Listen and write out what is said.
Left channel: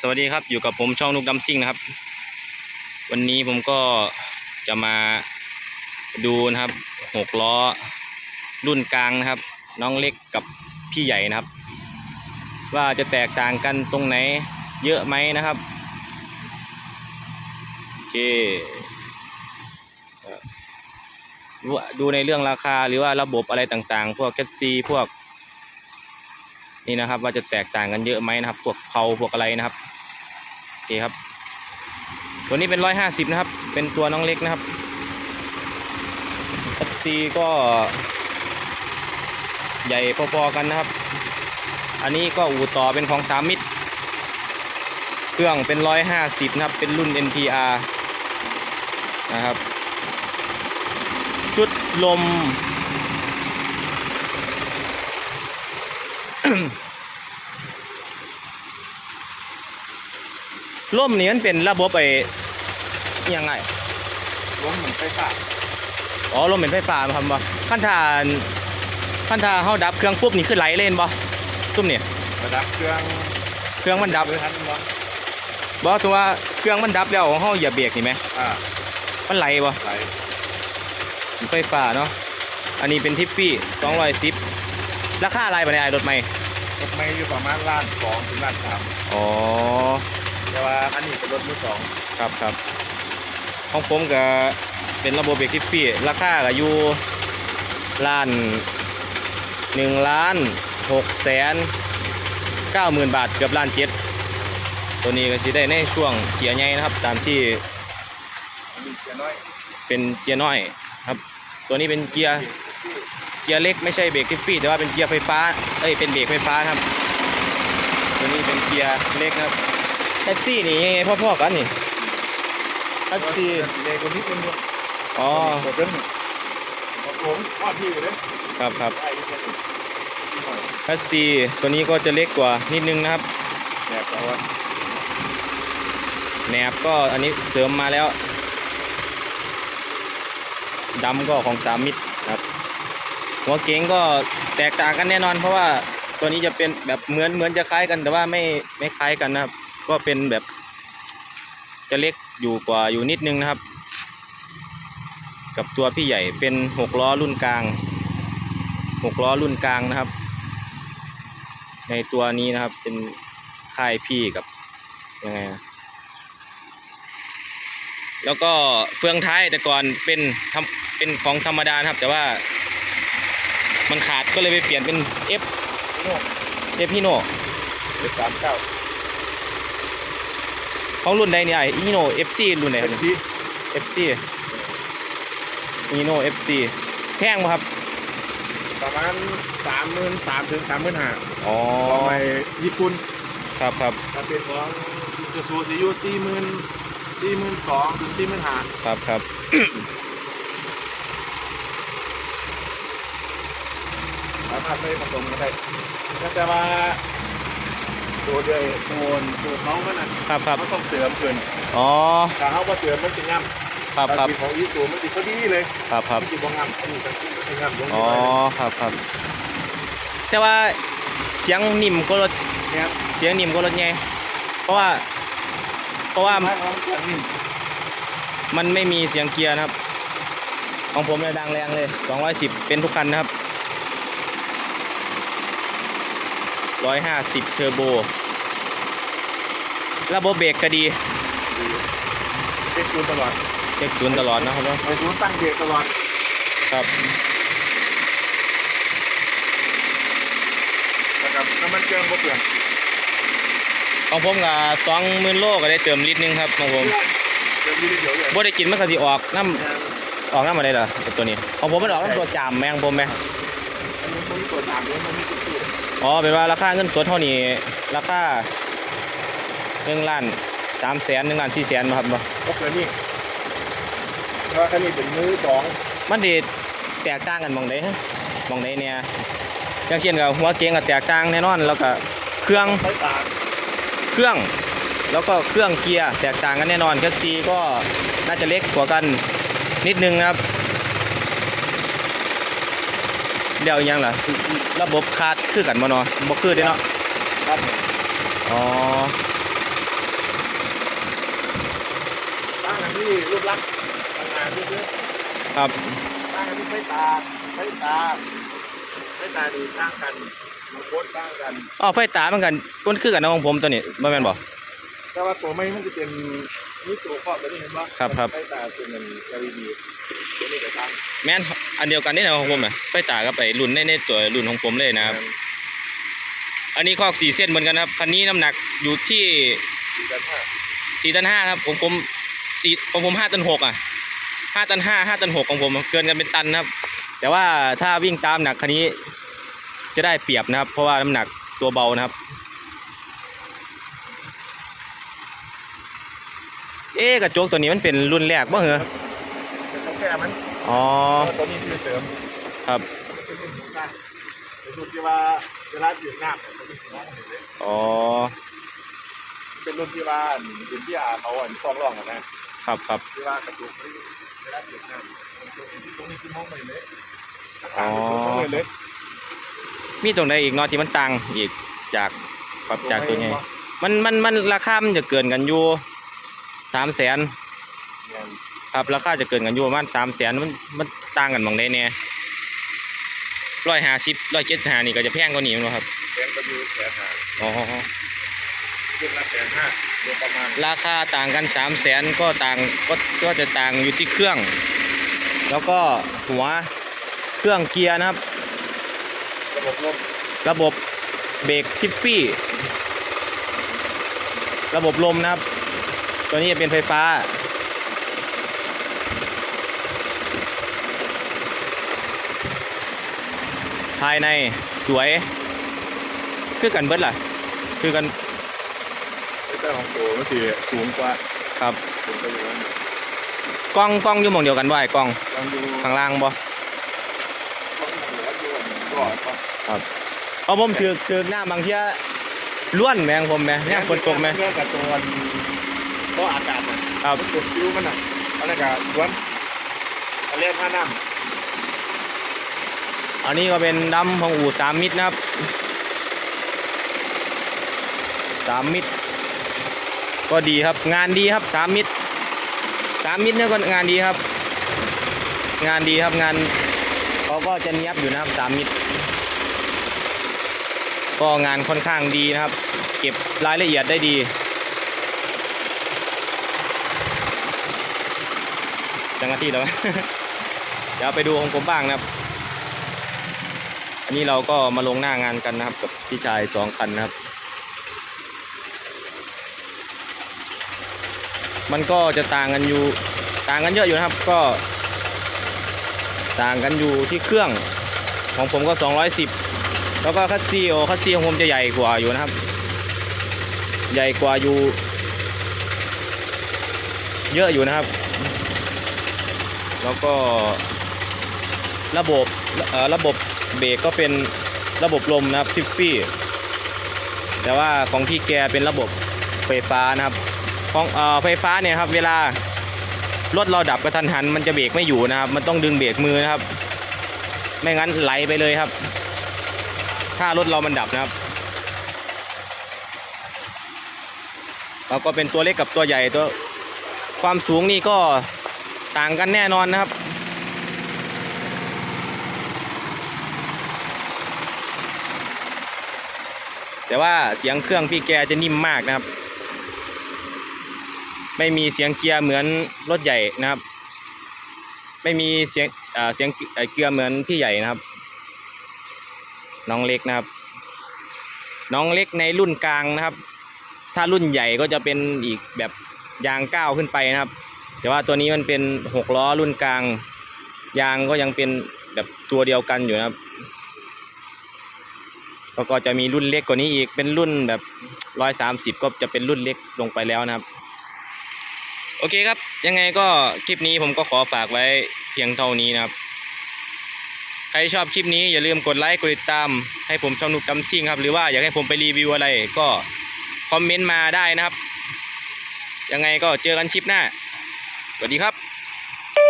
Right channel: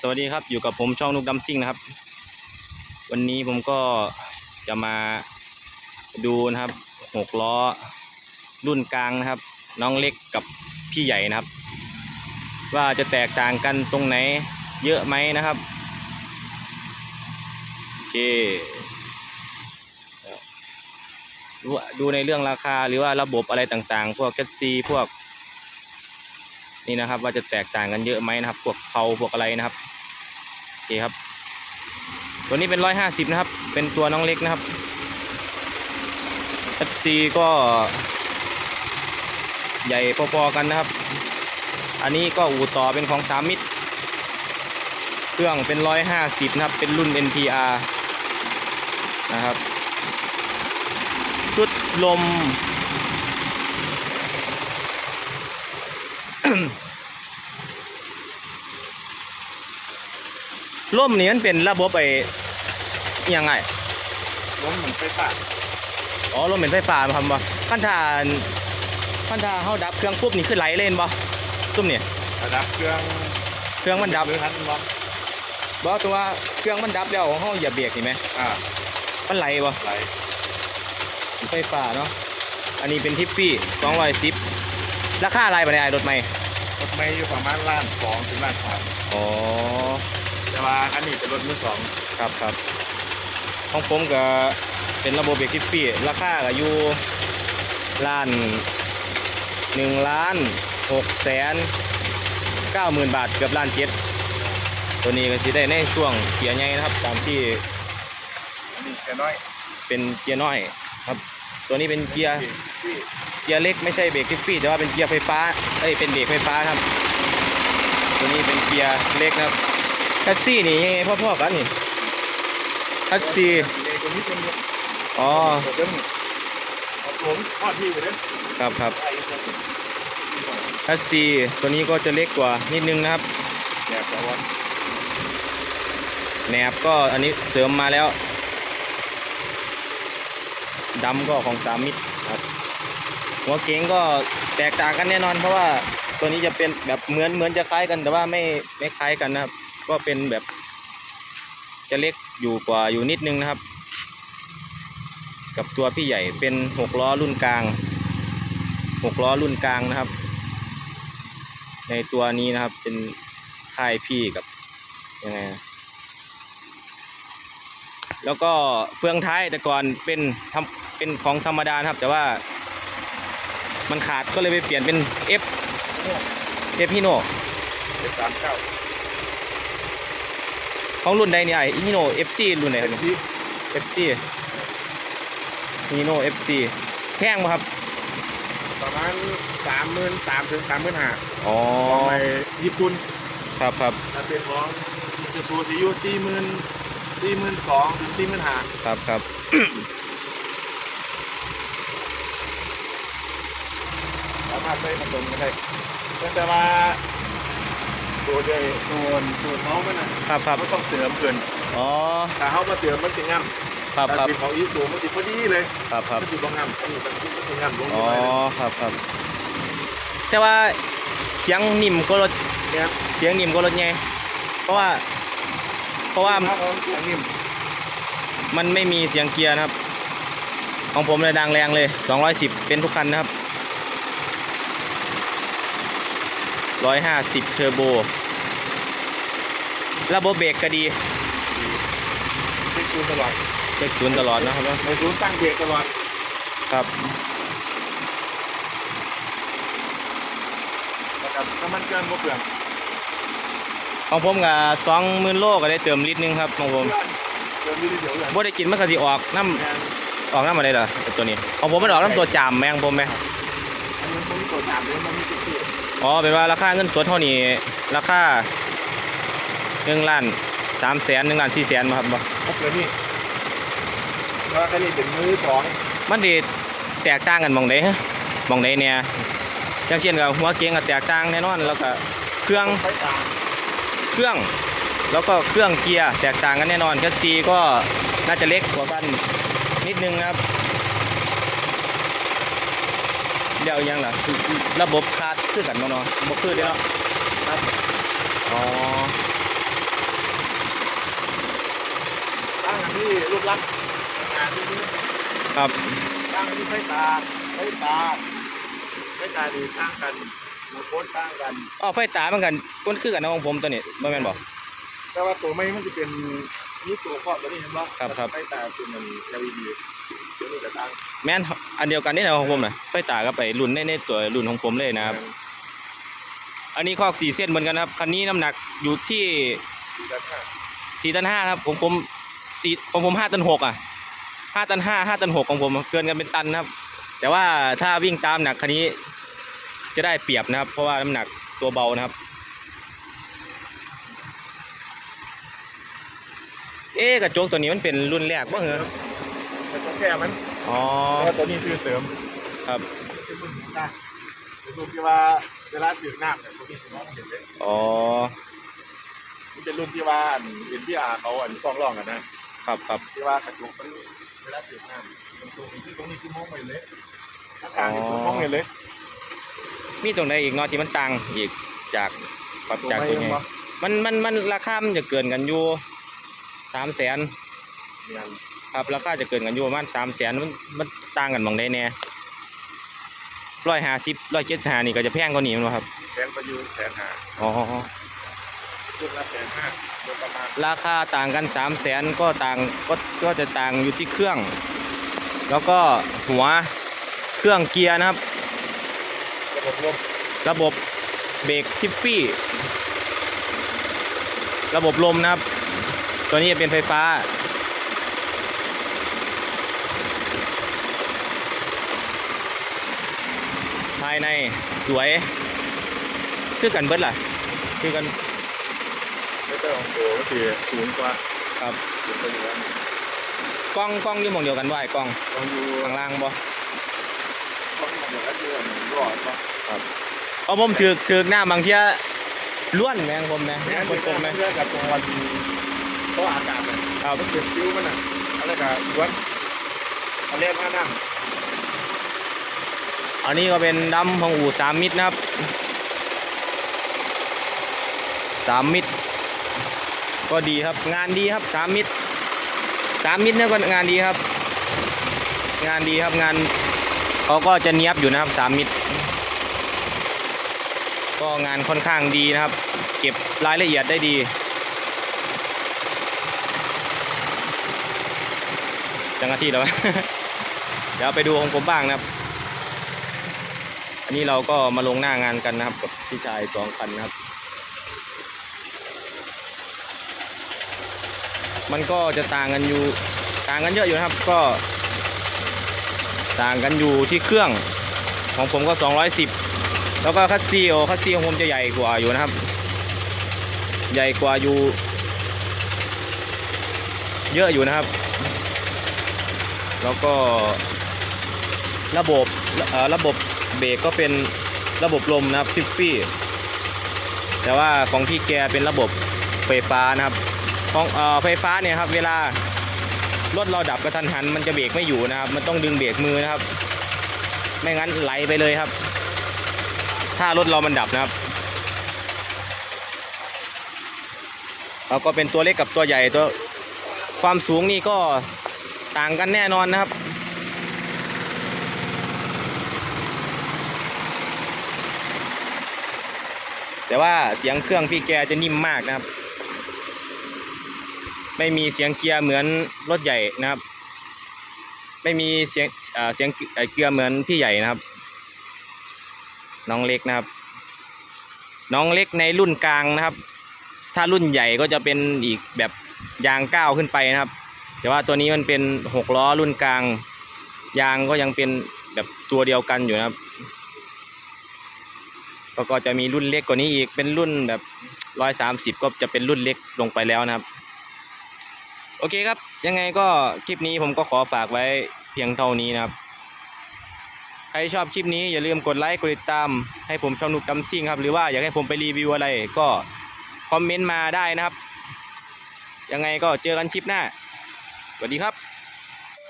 สวัสดีครับอยู่กับผมช่องนุกดัมซิ่งนะครับ วันนี้ผมก็จะมาดูนะครับหกล้อรุ่นกลางนะครับ น้องเล็กกับพี่ใหญ่นะครับ ว่าจะแตกต่างกันตรงไหนเยอะไหมนะครับโอเคดูดูในเรื่องราคาหรือว่าระบบอะไรต่างๆ พวกแคสซีพวก นี่นะครับ ว่าจะแตกต่างกันเยอะไหมนะครับพวกเพาพวกอะไรนะครับโอเคครับ ตัวนี้เป็นร้อยห้าสิบนะครับ เป็นตัวน้องเล็กนะครับ FC ก็ใหญ่พอๆกันนะครับ อันนี้ก็อู่ต่อเป็นของสามมิตร เครื่องเป็นร้อยห้าสิบนะครับ เป็นรุ่น NPR นะครับ ชุดลม ร่มนี่มันเป็นระบบไอ้ยังไงล้มเหมือนไฟฟ้าอ๋อร่มเป็นไฟฟ้ามาทำบ่ขั้นทานขั้นทาเฮาดับเครื่องปุ๊บนี่คือไหลเล่นบ่ซุ่มนี่ระดับเครื่องเครื่องมันดับหรือทันวะบ่ตัวว่าเครื่องมันดับแล้วเฮาอย่าเบรกนี่ไหมอ่ามันไหลบ่ไหลไฟฟ้าเนาะอันนี้เป็นทิฟฟี่210ราคาอะไรบ่เนี่ยไอ้รถใหม่รถไม่อยู่ประมาณล้านสองถึงล้านสามอ๋อแต่ว่าอันนี้เป็นรถมือสองครับครับของผมก็เป็นระบบเบรกทิฟฟี่ราคาก็อยู่ล้านหนึ่งล้านหกแสนเก้าหมื่นบาทเกือบล้านเจ็ดตัวนี้ก็สิได้ในช่วงเกียร์ใหญ่นะครับ ตามที่อันนี้จะน้อยเป็นเกียร์น้อยครับ ตัวนี้เป็นเกียร์ เกียร์เล็กไม่ใช่เบรกทิฟฟี่แต่ว่าเป็นเกียร์ไฟฟ้า เอ้ยเป็นเบรกไฟฟ้าครับ ตัวนี้เป็นเกียร์เล็กนะครับแท็กซี่นี่พ่อๆกันนี่แท็กซี่สีเลคนนี้เป็นอยู่อ๋อตัวเดิมนี่ของผมทอดที่อยู่เด้อครับครับไอ้ที่เป็นแท็กซี่ตัวนี้ก็จะเล็กกว่านิดนึงนะครับแหนบแต่ว่าแหนบก็อันนี้เสริมมาแล้วดำก็ของสามมิตรครับ หัวเก๋งก็แตกต่างกันแน่นอน เพราะว่าตัวนี้จะเป็นแบบเหมือนเหมือนจะคล้ายกันแต่ว่าไม่ไม่คล้ายกันนะครับ ก็เป็นแบบ จะเล็กอยู่กว่าอยู่นิดนึงนะครับ กับตัวพี่ใหญ่เป็นหกล้อรุ่นกลางหกล้อรุ่นกลางนะครับ ในตัวนี้นะครับเป็นค่ายพี่กับยังไงนะแล้วก็เฟืองท้ายแต่ก่อนเป็นทำเป็นของธรรมดานะครับ แต่ว่า มันขาดก็เลยไปเปลี่ยนเป็น F F ฮิโนเป็นสามเก้าของรุ่นใดเนี่ยไอ้ฮิโน FC รุ่นไหนครับเนี่ย ซี FC ฮิโน FC แพงไหมครับ ประมาณสามหมื่นสามถึงสามหมื่นห้าอ๋อ ของไปญี่ปุ่นครับครับถ้าเป็นของมิซูซูที่อยู่สี่หมื่นสี่หมื่นสองถึงสี่หมื่นห้าครับครับามารถใช้ผสมกันได้แต่ว่าตัวเดียวตัวตัวท้องมันนะครับครับเขาต้องเสริมเกินอ๋อถ้าเขามาเสริมมันสิง่ำครับครับแต่ของอีสูมันสิพอดีเลยครับครับมันสิบ่ง่ำอันนี้ต้องมันสิง่ำลงอ๋อไปเลยครับครับแต่ว่าเสียงนิ่มก็รถเนี่ยเสียงนิ่มก็รถไงเพราะว่า เพราะว่าถ้าเราเสียงนิ่มมันไม่มีเสียงเกียร์นะครับ ของผมเลยดังแรงเลย 210 เป็นทุกคันนะครับ 150 เทอร์โบ ระบบเบรกก็ดีเช็คซูนย์ตลอดเช็คศูนย์ตลอดนะครับเนอะโอ้ซูนย์ตั้งเบรกตลอดครับนะครับน้ำมันเครื่องบ่เปลืองของผมก็สองหมื่นโลก็ได้เติมลิตรหนึงครับของผมเติมนิดเดียวอย่างบ่ได้กินมันก็สิออกน้ำออกน้ำอะไรล่ะตัวนี้ของผมมันออกน้ำตัวจามแมงผมไหมอันนี้มันมีตัวตามเลยมันมีตัวที่ อ๋อเป็นว่าราคาเงินสดเท่านี้ราคาหนึ่งล้านสามแสนหนึ่งล้านสี่แสนมาครับบ่ครบเลยนี่เพราะว่าคันนี้เป็นมือสองมันดีแตกต่างกันหมองใดฮะหมองใดเนี่ยอย่างเช่นกับหัวเก๋งก็แตกต่างแน่นอนแล้วก็เครื่องไฟฟ้าเครื่อง แล้วก็เครื่องเกียร์แตกต่างกันแน่นอนแคสซีก็น่าจะเล็กกว่ากันนิดนึงนะครับ เดียวยังเหรอระบบคาดคือกันบ่นาะบ่คือเด้เนาะครับอ๋อตั้งที่รูปลักษณ์ทำงานที่นี้ครับตั้งที่ไฟตาไฟตาไฟตาดีตั้งกันโคตรตั้งกันอ๋อไฟตาเหมือนกันต้นคือกันนะของผมตัวนี้บ่แม่นบอก แต่ว่าตัวไม่มันจะเป็นนี่ตัวครอบตัวนี้เห็นปะครับครับ ไฟตาเป็นมัน LED ตัวนี้ก็ตั้งแม่นอันเดียวกันนี่นะของผมน่ะไฟตากับไอ้รุ่นในในตัวรุ่นของผมเลยนะครับ อันนี้คอกสี่เส้นเหมือนกันครับ คันนี้น้ำหนักอยู่ที่ดีกันแค่สี่ตันห้าครับของผมสี่ของผมห้าตันหกอะห้าตันห้าห้าตันหกของผมเกินกันเป็นตันนะครับ แต่ว่าถ้าวิ่งตามหนักคันนี้จะได้เปรียบนะครับ เพราะว่าน้ำหนักตัวเบานะครับ เอ๊ะกระจกตัวนี้มันเป็นรุ่นแรกบ่เหรอแต่แค่มันอ๋อเพราะว่าตัวนี้ซื้อเสริมครับ เป็นรุ่นของสร้างเป็นรุ่นที่ว่าเวลาจืดน้ำเนี่ยตัวนี้สิน้องเห็นเลยอ๋อ มันเป็นรุ่นที่ว่าอันเอ็นที่อาเขาอันซ่อนร่องอะนะครับครับที่ว่ากระจุกมันเวลาจืดน้ำมันตัวที่ตรงนี้คือมองไปเลยถ้าต่างนี่คือมองไปเลยมีตรงใดอีกเนาะที่มันต่างอีกจากปรับจากตัวนี้มันมันมันราคามันจะเกินกันอยู่ สามแสนเนี่ยครับราคาจะเกินกันอยู่ประมาณสามแสนมันมันต่างกันบางใดแน่ร้อยห้าสิบร้อยเจ็ดห้านี่ก็จะแพงกว่านี้มั้งครับแพงก็อยู่แสนห้าอ๋อขึ้นละแสนห้าโดยประมาณราคาต่างกันสามแสนก็ต่างก็ก็จะต่างอยู่ที่เครื่อง แล้วก็หัวเครื่องเกียร์นะครับ ระบบลมระบบเบรกทิฟฟี่ ระบบลมนะครับ ตัวนี้จะเป็นไฟฟ้า ภายในสวย คือกันเบิดล่ะ คือกันเลเตอร์ของตัวมันสีสูงกว่าครับสูงกว่าอยู่แล้วกล้องกล้องอยู่หมองเดียวกันบ่ไอ้กล้องต้องอยู่ข้างล่างบ่ต้องอยู่แล้วอยู่อันรอดปะเพราะผมถือถือหน้าบางเทียล้วนแมงผมแมงเนี่ยคนกลมแมงเรื่องกับตัว โต๊ะอากาศครับจุดฟิวมันอะอะไรกับล้วนเอาเรียกว่าน้อันนี้ก็เป็นดำของอู่สามมิตรนะครับสามมิตร ก็ดีครับ งานดีครับสามมิตรสามมิตรเนี่ยก็งานดีครับ งานดีครับงานเขาก็จะเนียบอยู่นะครับสามมิตร ก็งานค่อนข้างดีนะครับ เก็บรายละเอียดได้ดี จังอาทิตย์แล้ว เดี๋ยวไปดูของผมบ้างนะครับ อันนี้เราก็มาลงหน้างานกันนะครับ กับพี่ชายสองคันนะครับ มันก็จะต่างกันอยู่ต่างกันเยอะอยู่นะครับ ก็ ต่างกันอยู่ที่เครื่องของผมก็ 210 แล้วก็คัสซีโอคัสซีของผมจะใหญ่กว่าอยู่นะครับ ใหญ่กว่าอยู่ เยอะอยู่นะครับ แล้วก็ระบบระบบเบรกก็เป็นระบบลมนะครับทิฟฟี่ แต่ว่าของพี่แกเป็นระบบไฟฟ้านะครับของเอ่อไฟฟ้าเนี่ยครับ เวลารถเราดับกระทันหัน มันจะเบรกไม่อยู่นะครับ มันต้องดึงเบรกมือนะครับ ไม่งั้นไหลไปเลยครับ ถ้ารถเรามันดับนะครับแล้วก็เป็นตัวเล็กกับตัวใหญ่ตัวความสูงนี่ก็ ต่างกันแน่นอนนะครับ แต่ว่าเสียงเครื่องพี่แกจะนิ่มมากนะครับ ไม่มีเสียงเกียร์เหมือนรถใหญ่นะครับ ไม่มีเสียงเสียงเอ่อเกียร์เหมือนพี่ใหญ่นะครับ น้องเล็กนะครับ น้องเล็กในรุ่นกลางนะครับ ถ้ารุ่นใหญ่ก็จะเป็นอีกแบบยางก้าวขึ้นไปนะครับ แต่ว่าตัวนี้มันเป็นหกล้อรุ่นกลาง ยางก็ยังเป็นแบบตัวเดียวกันอยู่นะครับแล้วก็จะมีรุ่นเล็กกว่านี้อีกเป็นรุ่นแบบร้อยสามสิบก็จะเป็นรุ่นเล็กลงไปแล้วนะครับ โอเคครับ ยังไงก็คลิปนี้ผมก็ขอฝากไว้เพียงเท่านี้นะครับ ใครชอบคลิปนี้อย่าลืมกดไลค์กดติดตาม ให้ผมช่องนุกกำซิ่งครับ หรือว่าอยากให้ผมไปรีวิวอะไรก็คอมเมนต์มาได้นะครับ ยังไงก็เจอกันคลิปหน้า สวัสดีครับ